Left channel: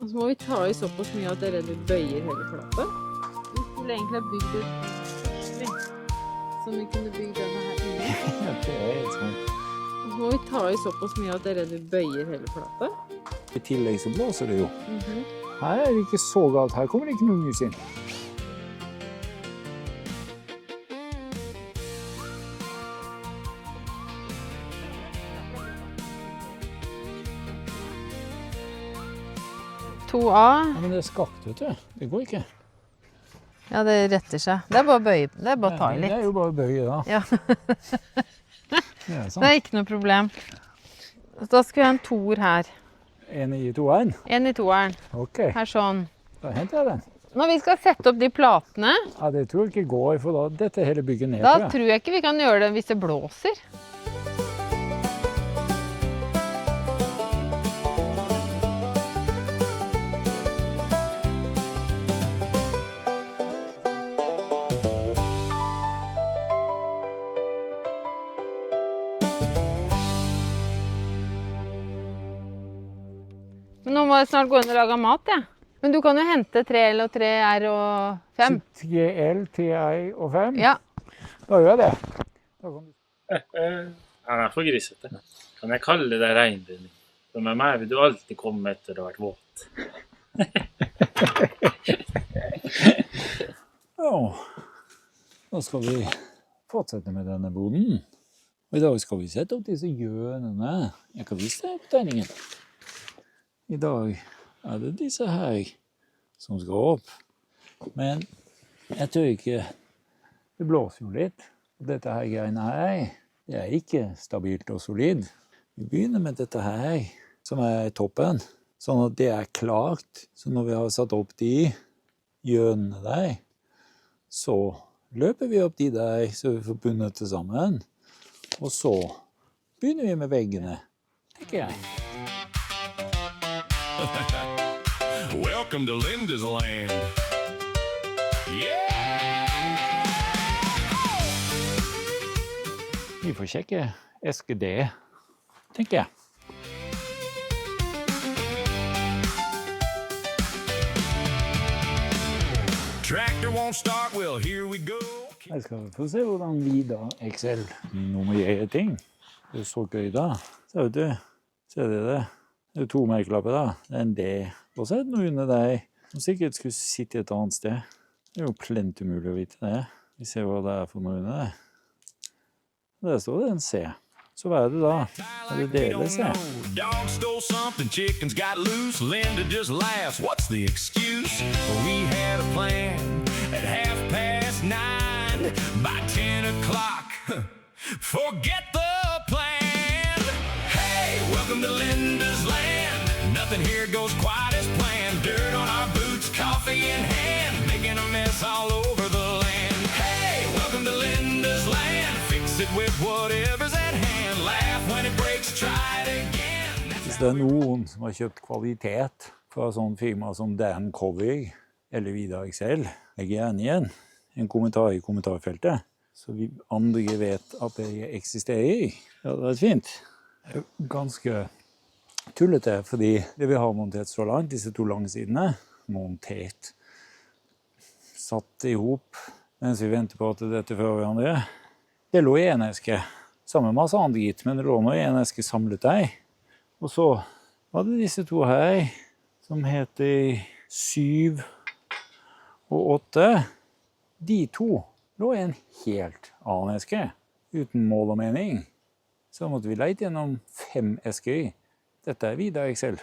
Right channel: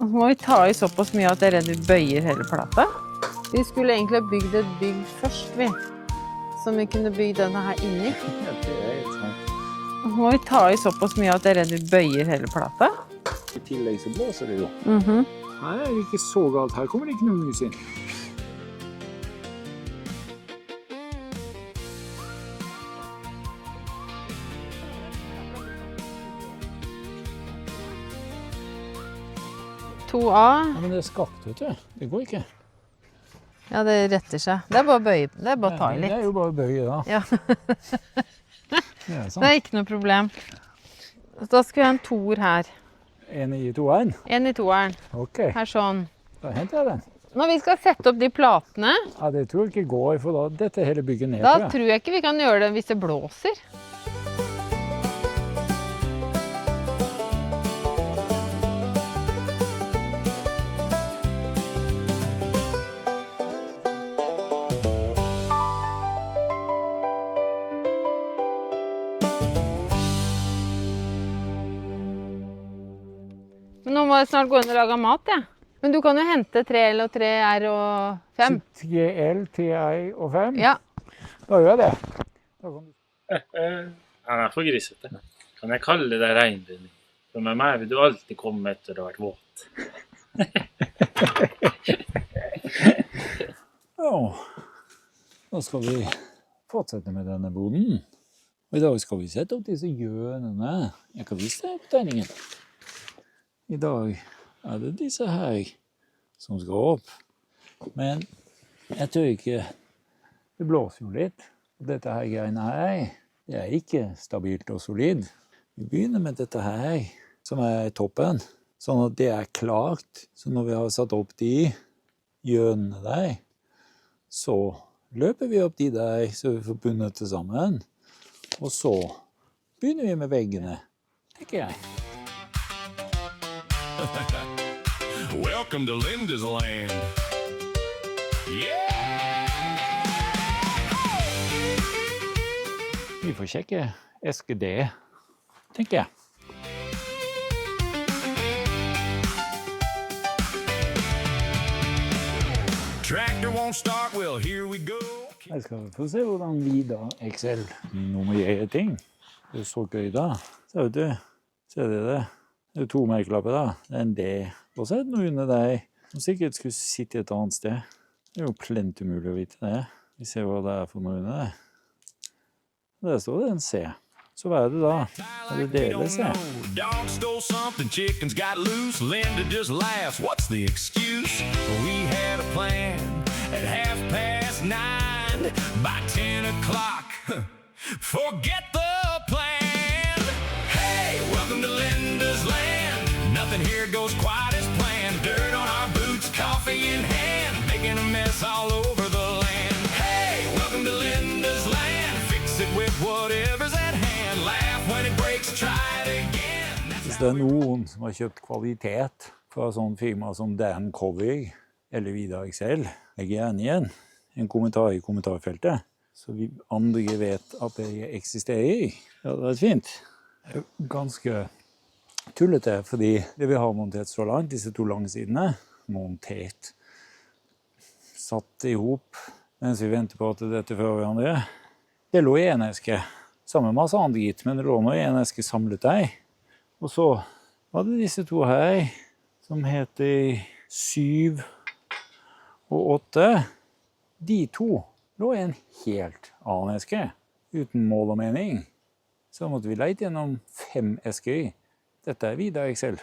Og så må vi ta i såpass mye at jeg er redd vi bøyer hele plata. Vi skulle egentlig ha bygd et bygg først, vi. Som vi kunne bygge denne her inni. Og så må vi ta i såpass mye at jeg er redd vi bøyer hele plata. I tillegg så blåser det jo. Her er det ikke så galt. Her kommer det ikke noe mus inn. Ja, men det er skakt, vet du. Det går ikke. Ja, det retter seg. Det er bare å bøye. Det er bare å ta i litt. Det er jo bare å bøye, da. Ja. Det er ikke noe problem. Da skal vi ha en toer her. En i toeren? En i toeren. Ok. Her sånn. Da henter jeg den. Når vi skal sette opp de platene, Ja, det tror jeg ikke går, for da dette hele bygget ned, da tror jeg ikke vi kan gjøre det hvis det blåser. Men nå må jeg snart gå inn og lage mat, ja. Men du kan jo hente 3L og 3R og 5. 3L, 3I og 5? Ja. Da gjør jeg det. Han er for grisete. Kan jeg kalle det regnbinding? For med meg vil du alltid komme etter å ha vært våt. Ja, da skal vi fortsette med denne boden. Og i dag skal vi sette opp disse hjørnene. Jeg kan vise deg på tegningen. I dag er det disse her som skal opp. Men jeg tror ikke, det blåser jo litt. Dette her greiene her, det er ikke stabilt og solid. Vi begynner med dette her, som er toppen. Sånn at det er klart. Så når vi har satt opp de hjørnene der, så løper vi opp de der, så vi får bundet det sammen. Og så begynner vi med veggene, tenker jeg. Welcome to Linda's land. Vi får sjekke SGD, tenker jeg. Tractor won't start, well, here we go. Jeg skal få se hvordan Vida Excel nummererer ting. Det står gøy da. Ser du, ser dere det? Det er 2 merkelapper da. Det er en D. Og så er det noe under deg som sikkert skulle sitte et annet sted. Det er jo plent umulig å vite det. Vi ser hva det er for noe under det. Der står det en C. Så hva er det da? Er det dele C? Dog stole something, chickens got loose. Linda just laughs, what's the excuse? We had a plan at 9:30. By 10 o'clock, forget the plan. Hey, welcome to Linda's land. Nothing here goes quite as planned. Dirt on our boots, coffee in hand, making a mess all over the land. Hey, welcome to Linda's land. Fix it with whatever's at hand. Laugh when it breaks, try it again. Hvis det er noen som har kjøpt kvalitet fra sånn firma som Dan Covey eller Vida Excel, legger gjerne igjen en kommentar i kommentarfeltet, så vi andre vet at det eksisterer. Ja, det er fint. Det er ganske tullete, fordi det vi har montert så langt, disse 2 lange sidene, montert, satt ihop, mens vi venter på at dette fører hverandre. Det lå i en eske, sammen med masse andre gitt, men det lå nå i en eske samlet der. Og så var det disse 2 her, som heter 7 og 8. De 2 lå i en helt annen eske, uten mål og mening. Så måtte vi leite gjennom 5 esker. Dette er Vida Excel.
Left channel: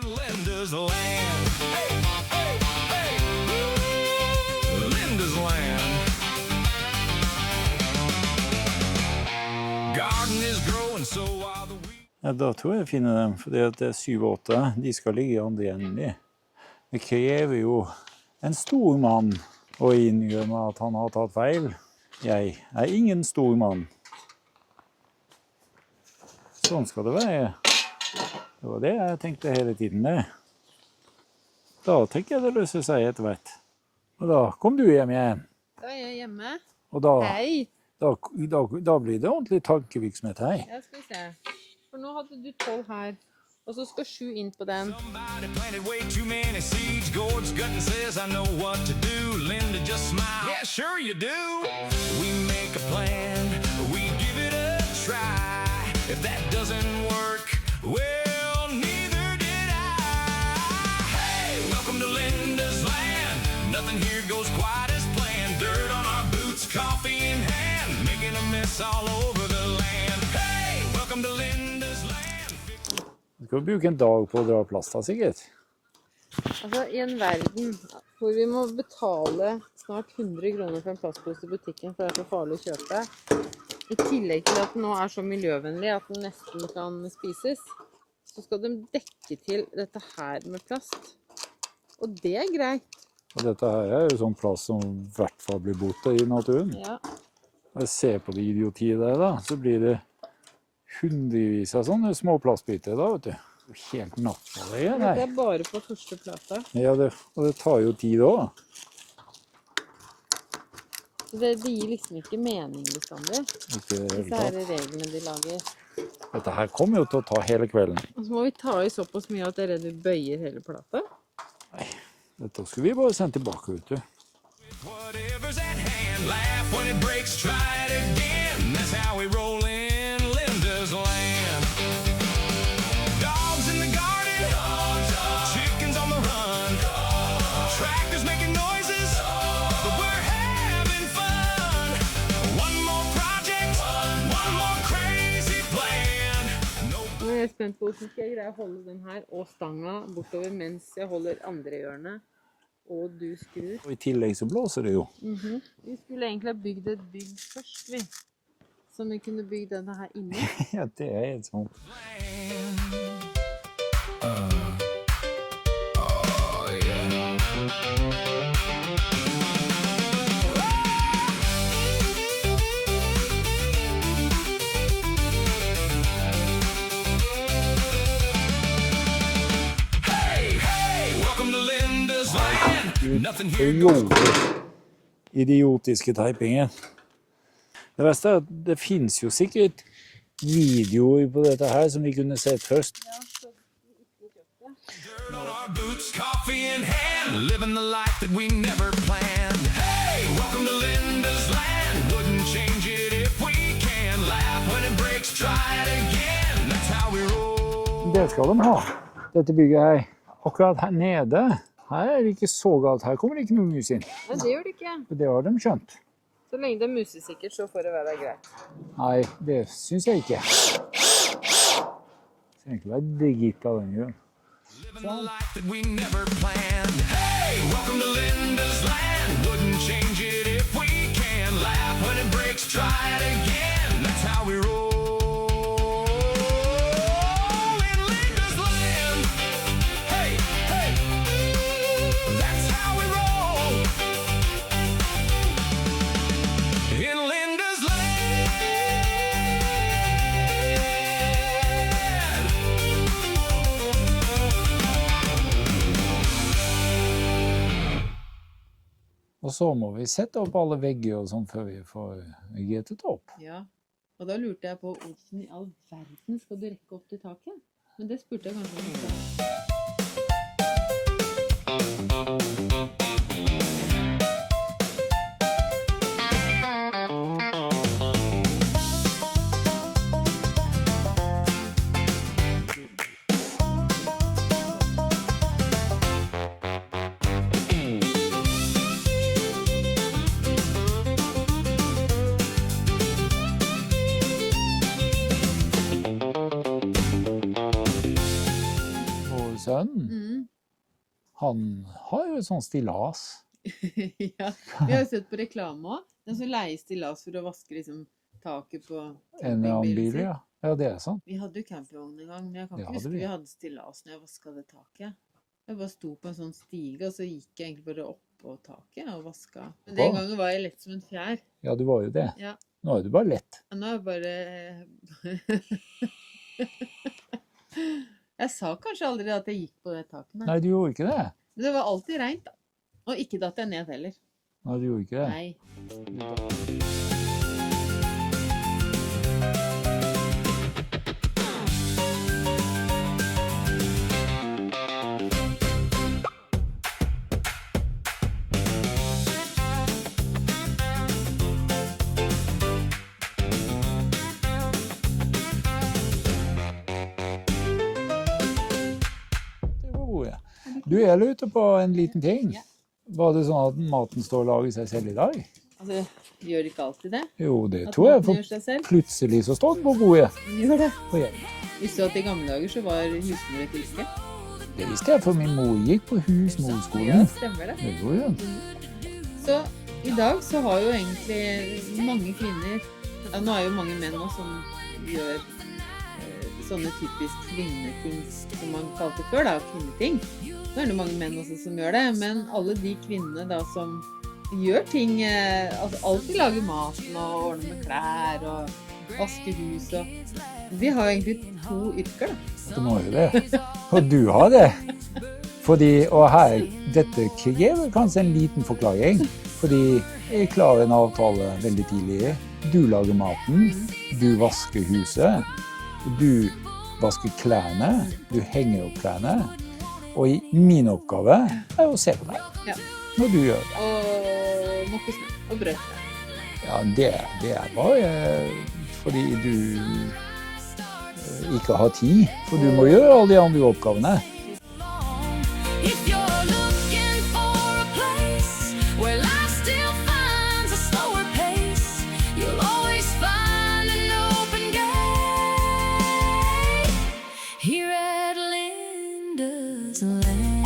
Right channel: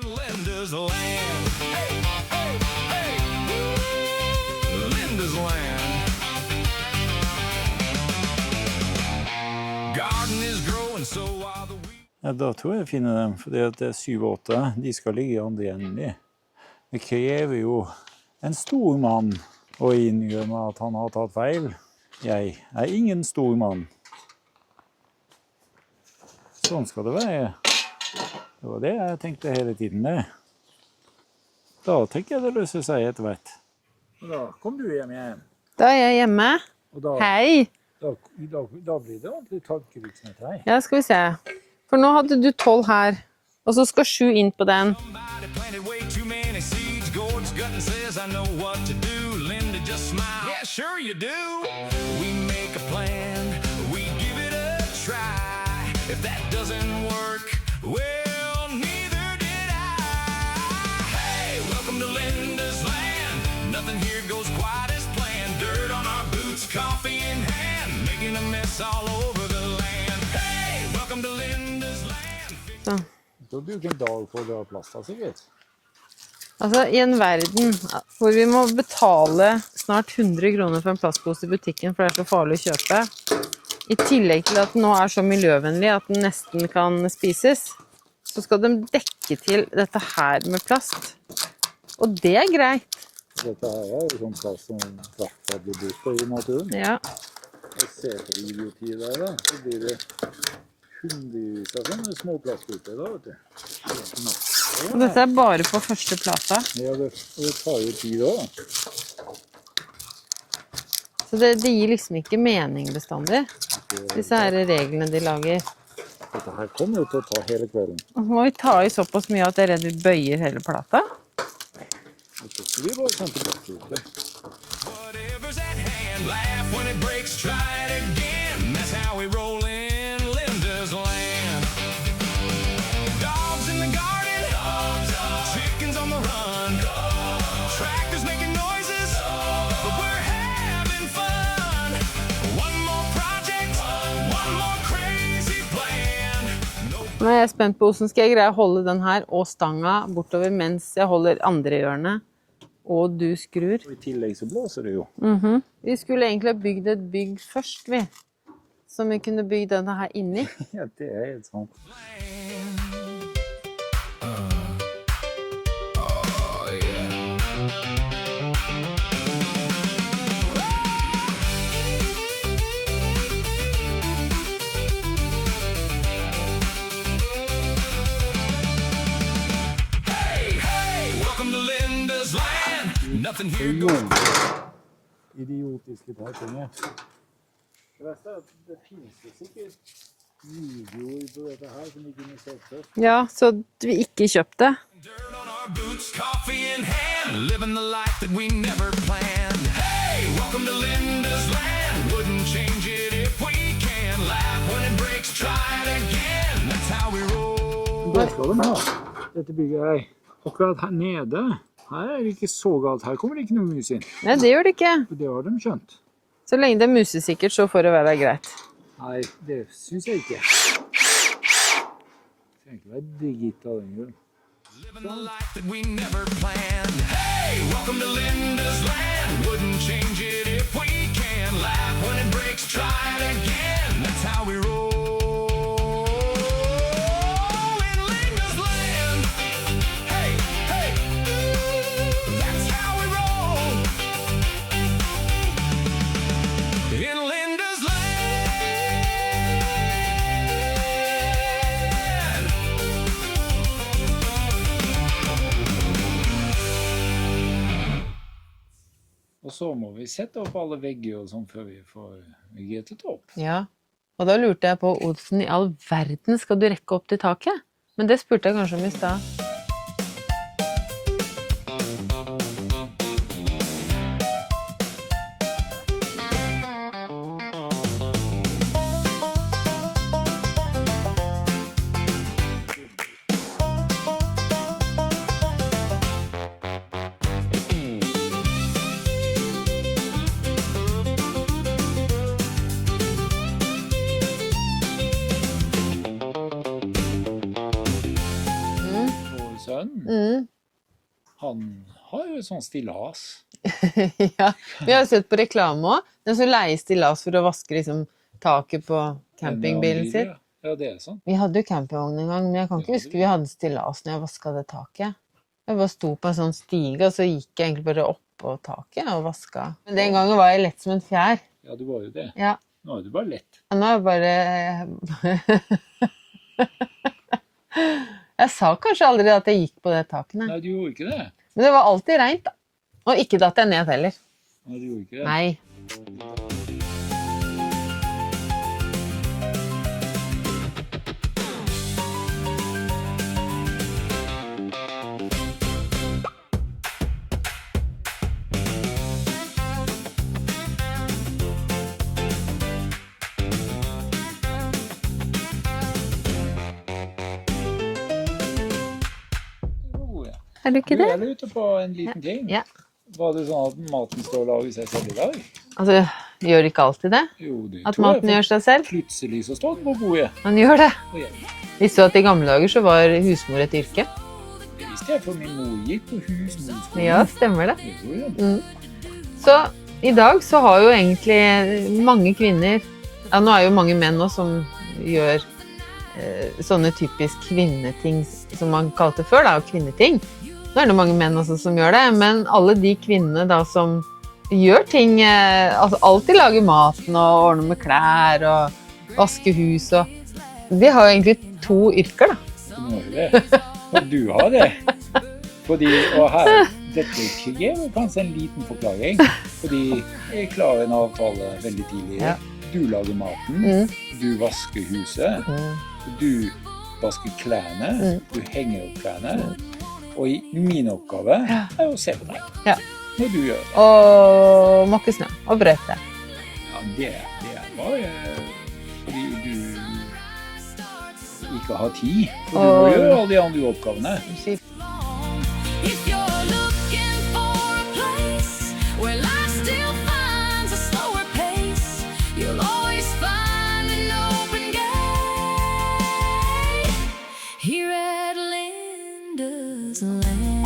Linda's land. Hey, hey, hey. Linda's land. Garden is growing, so are the weeds. Ja, da tror jeg finner dem, for det er 7 og 8. De skal ligge i andre enden. Det krever jo en stor mann å innrømme at han har tatt feil. Jeg er ingen stor mann. Sånn skal det være. Det var det jeg tenkte hele tiden det. Da tenker jeg det løser seg etter hvert. Og da kom du hjem igjen. Da er jeg hjemme. Og da, Hei! da blir det ordentlig tankevirksomhet her. Ja, skal vi se. For nå hadde du 12 her, og så skal 7 inn på den. Somebody planted way too many seeds. Gord's gutting says, I know what to do. Linda just smiled. Yeah, sure you do. We make a plan. We give it a try. If that doesn't work, well, neither did I. Hey, welcome to Linda's land. Nothing here goes quite as planned. Dirt on our boots, coffee in hand, making a mess all over the land. Hey, welcome to Linda's land. Du kan bruke en dag på å dra plast da, sikkert. Altså, i en verden hvor vi må betale snart 100 kroner for en plastpose i butikken, for det er så farlig å kjøpe, i tillegg til at den nå er så miljøvennlig at den nesten kan spises, så skal de dekke til dette her med plast. Og det er greit. Og dette her er jo sånn plast som i hvert fall blir borte i naturen. Ja. Jeg ser på det idiotiet der da, så blir det hundrevis av sånne små plastbiter da, vet du. Helt natt. Og dette er bare på første plata. Ja, og det tar jo tid da. Så det gir liksom ikke mening bestandig. Disse her reglene de lager. Dette her kommer jo til å ta hele kvelden. Og så må vi ta i såpass mye at jeg er redd vi bøyer hele plata. Dette skal vi bare sende tilbake, vet du. Whatever's at hand, laugh when it breaks, try it again. That's how we roll in Linda's land. Dogs in the garden, chickens on the run, tractors making noises, but we're having fun. One more project, one more crazy plan. Nå er jeg spent på hvordan skal jeg greie å holde den her og stanga bortover mens jeg holder andre hjørnet. Og du skrur. Og i tillegg så blåser det jo. Vi skulle egentlig ha bygd et bygg først, vi. Som vi kunne bygge denne her inni. Ja, det er helt sånn. Hey, hey, welcome to Linda's land. Nothing here goes. Idiotiske teipingen. Det verste er at det finnes jo sikkert videoer på dette her som vi kunne sett først. Ja, så vi ikke kjøpte. Dirt on our boots, coffee in hand, living the life that we never planned. Hey, welcome to Linda's land. Wouldn't change it if we can. Laugh when it breaks, try it again. That's how we roll. Det skal de ha. Dette bygget her. Akkurat her nede. Her er det ikke så galt. Her kommer det ikke noe mus inn. Nei, det gjør det ikke. Og det har de skjønt. Så lenge det er musesikkert, så får det være greit. Nei, det synes jeg ikke. Det skal egentlig være digit av den grunn. Living the life that we never planned. Hey, welcome to Linda's land. Wouldn't change it if we can. Laugh when it breaks, try it again. That's how we roll in Linda's land. Hey, hey, that's how we roll in Linda's land. Og så må vi sette opp alle vegger og sånn før vi får gettet opp. Ja, og da lurte jeg på, Olsen, i all verden skal du rekke opp til taket? Men det spurte jeg kanskje om i stad. Han har jo et sånn stillas. Ja, vi har sett på reklame også. Den som leier stillas for å vaske liksom, taket på campingbilen sin. Ja, det er sant. Vi hadde jo campingvogn en gang, men jeg kan ikke huske vi hadde stillas når jeg vasket det taket. Jeg bare sto på en sånn stige, og så gikk jeg egentlig bare opp på taket og vasket. Men den gangen var jeg lett som en fjær. Ja, du var jo det. Ja. Nå er du bare lett. Nå er jeg bare... Jeg sa kanskje aldri at jeg gikk på det taket. Nei, du gjorde ikke det. Men det var alltid rent da. Og ikke datt jeg ned heller. Nei, du gjorde ikke det. Nei. Er du Du, ikke det? jeg lurte på en liten ting. Ja. Var det sånn at maten står og lager seg selv i dag? Altså, gjør det ikke alltid det? Jo, det At tror jeg. maten gjør seg selv? Plutselig så står den på bordet. Han gjør det. Og jeg, Visste du at i gamle dager så var husmor et yrke? det visste jeg, for min mor gikk på husmorskolen. Ja, stemmer det. Det gjorde jeg. Så i dag så har jo egentlig mange kvinner, ja nå er jo mange menn også som gjør sånne typisk kvinneting som man kalte før da, kvinneting. Nå er det mange menn også som gjør det, men alle de kvinnene da som gjør ting, altså alltid lager maten og ordner med klær og vasker hus og de har jo egentlig 2 yrker da. Du må jo det. Og du har det. Fordi, og her, dette gir kanskje en liten forklaring. Fordi jeg klarer en avtale veldig tidlig. Ja. Du lager maten, du vasker huset, du vasker klærne, du henger opp klærne. Og min oppgave er å se på deg. Ja. Når du gjør det. Og måke snø og brøyte. Ja, det er bare fordi du ikke har tid. For du må gjøre alle de andre oppgavene. If you're looking for a place where life still finds a slower pace, you'll always find an open gate here at Linda's Land.